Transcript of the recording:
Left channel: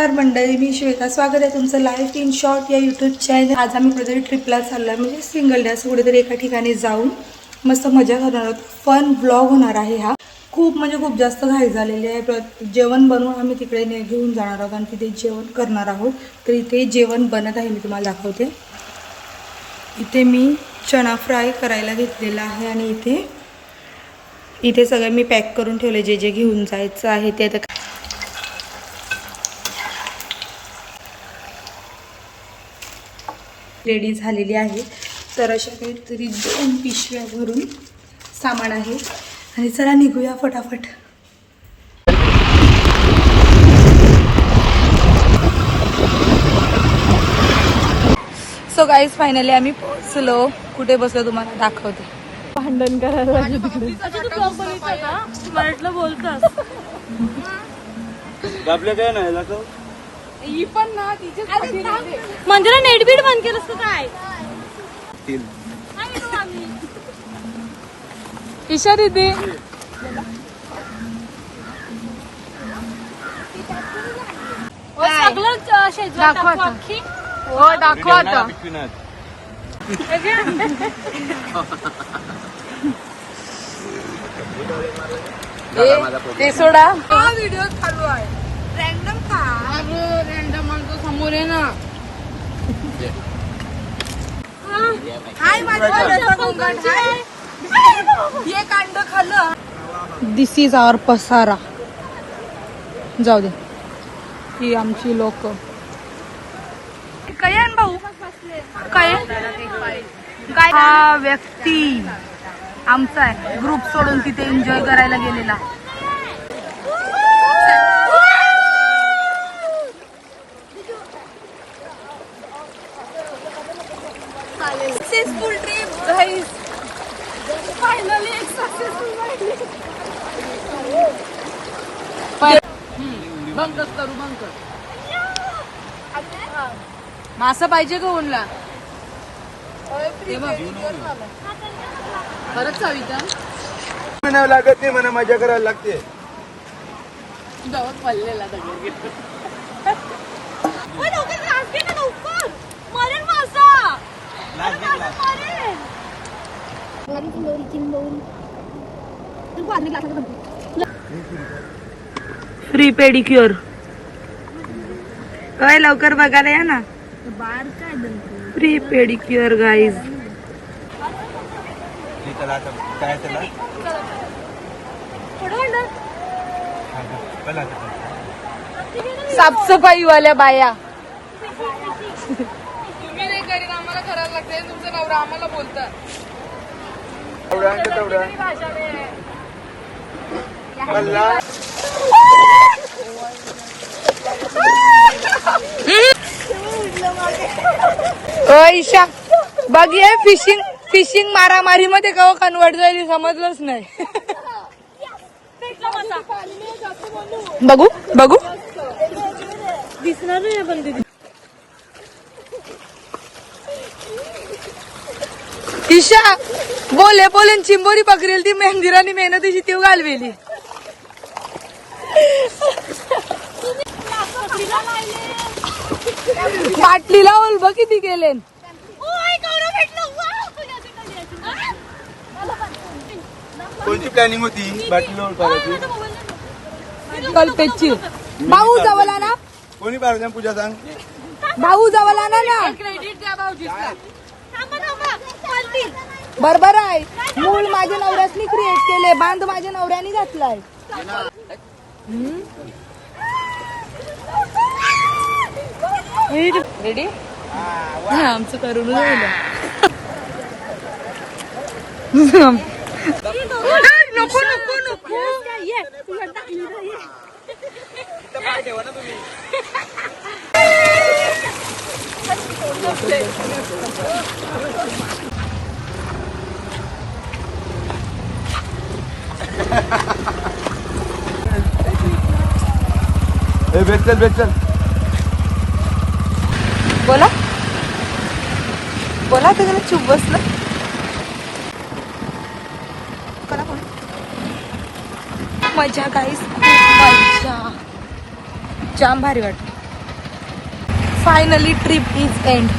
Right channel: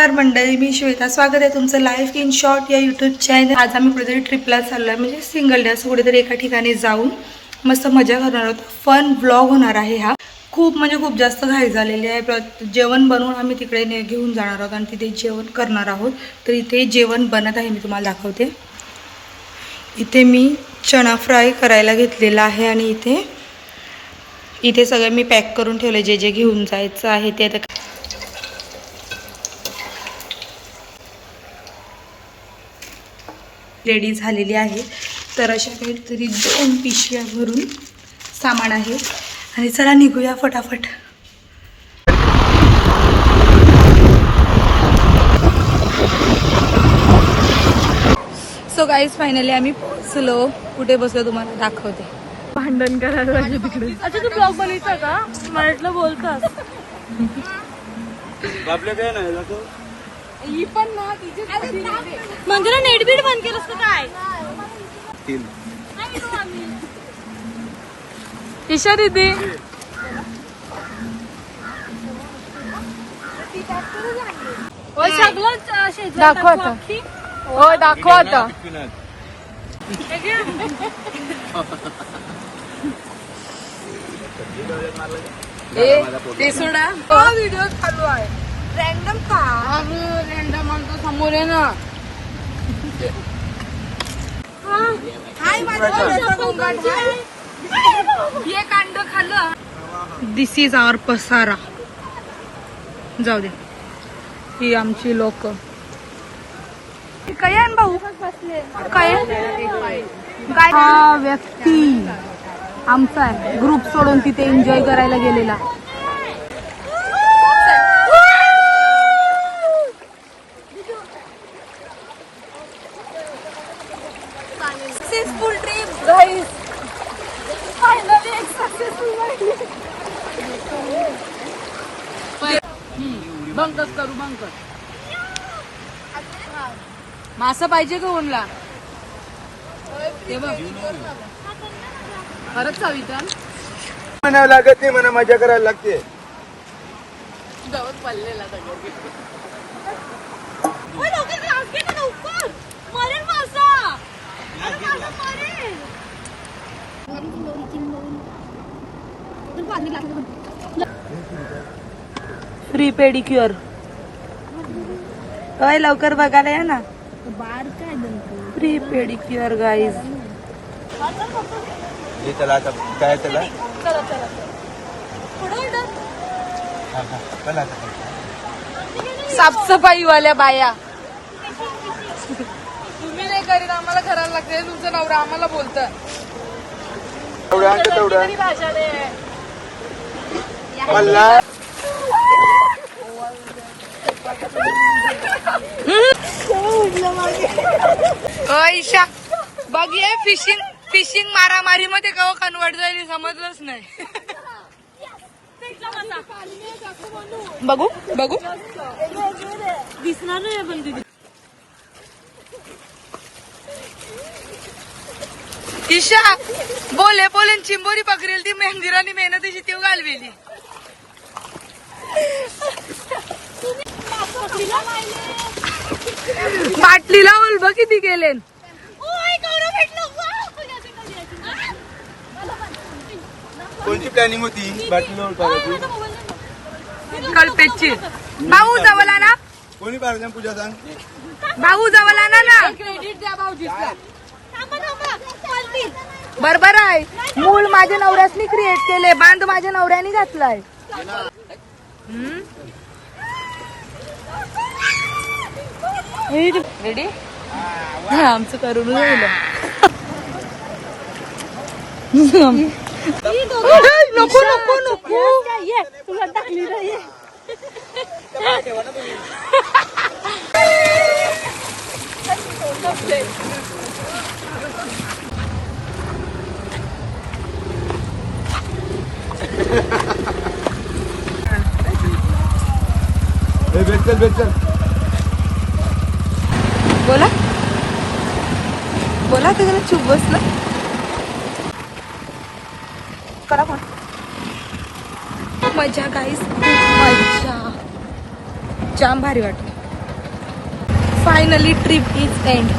नमस्कार मंडळी, मी श्वेता. स्वागत आहे तुमचं लाईफ इन शॉर्ट या यूट्यूब चॅनल. आज आम्ही कुठेतरी ट्रिपला चाललो आहे, म्हणजे सिंगल डे असं कुठेतरी एका ठिकाणी जाऊन मस्त मजा करणार आहोत. फन व्लॉग होणार आहे हा. खूप जास्त घाई झालेली आहे. जेवण बनवून आम्ही तिकडे घेऊन जाणार आहोत आणि तिथे जेवण करणार आहोत. तर इथे जेवण बनत आहे, मी तुम्हाला दाखवते. इथे मी चणा फ्राय करायला घेतलेला आहे आणि इथे सगळं मी पॅक करून ठेवले, जे जे घेऊन जायचं आहे ते. आता रेडी झालेली आहे. तर अशा काहीतरी 2 पिशव्या भरून सामान आहे आणि चला निघूया फटाफट. सो गाईज, फायनली आम्ही पोहोचलो. कुठे बसलो तुम्हाला दाखवते. भांडण करायला ही पण ना तिचे म्हणजे नेटबीट बंद केलंस का काय? ईशा दीदी दाखव आता. हो दाखव आता. ते सोडा. हा व्हिडिओ चालू आहे. रॅन्डम का रॅन्डम समोर आहे ना. हे कांड खाल्लं. दिस इज आवर पसारा. जाऊ दे. ही आमची लोक. काय आण भाऊ काय हा व्यक्ती आमचा आहे. ग्रुप सोडून तिथे एन्जॉय करायला गेलेला. Successful trip guys. फायनली एक सक्सेसफुल. बंकच करू बंकच. मासा पाहिजे का ओनला? बरंच कविता म्हणावं लागत नाही, म्हणा मजा करायला लागते. जाऊन पडलेला फ्री पेडिक्युअर. काय लवकर बघायला या ना. बार काय फ्री पेडिक्युअर गाईज. चला आता काय चला साफसफाई वाल्या बाया. तुम्ही नाही करीन, आम्हाला करायला लागते. तुमचं नवरा आम्हाला बोलतं ईशा बघ, ये फिशिंग मारामारी मध्ये कवा कन्वर्ट झाली समजलंच नाही. बघू दिसणार नाही पण तिथे. ईशा बोले चिंबोरी पकडेल ती मंदिराने मेहनतीची तीव घालवेली. बाटलीला ओलभ किती गेले. कोणती प्लॅनिंग होती बाटलीला ओळखायची? कल्पेची. भाऊ जवळ ना. कोणी पाहिजे पूजा सांग. भाऊ जवळ ना. क्रेडिट द्या भाऊजीला. बरोबर आहे. मूल माझ्या नवऱ्याने क्रिएट केले, बांध माझ्या नवऱ्याने घातलाय. रेडी. हा आमचं करून राहिलं. नको नको नको. भेटल बोला त्याला चुप बसलं. करा पण मजा गाईस, खूप मजा, जाम भारी वाटली. Finally trip is end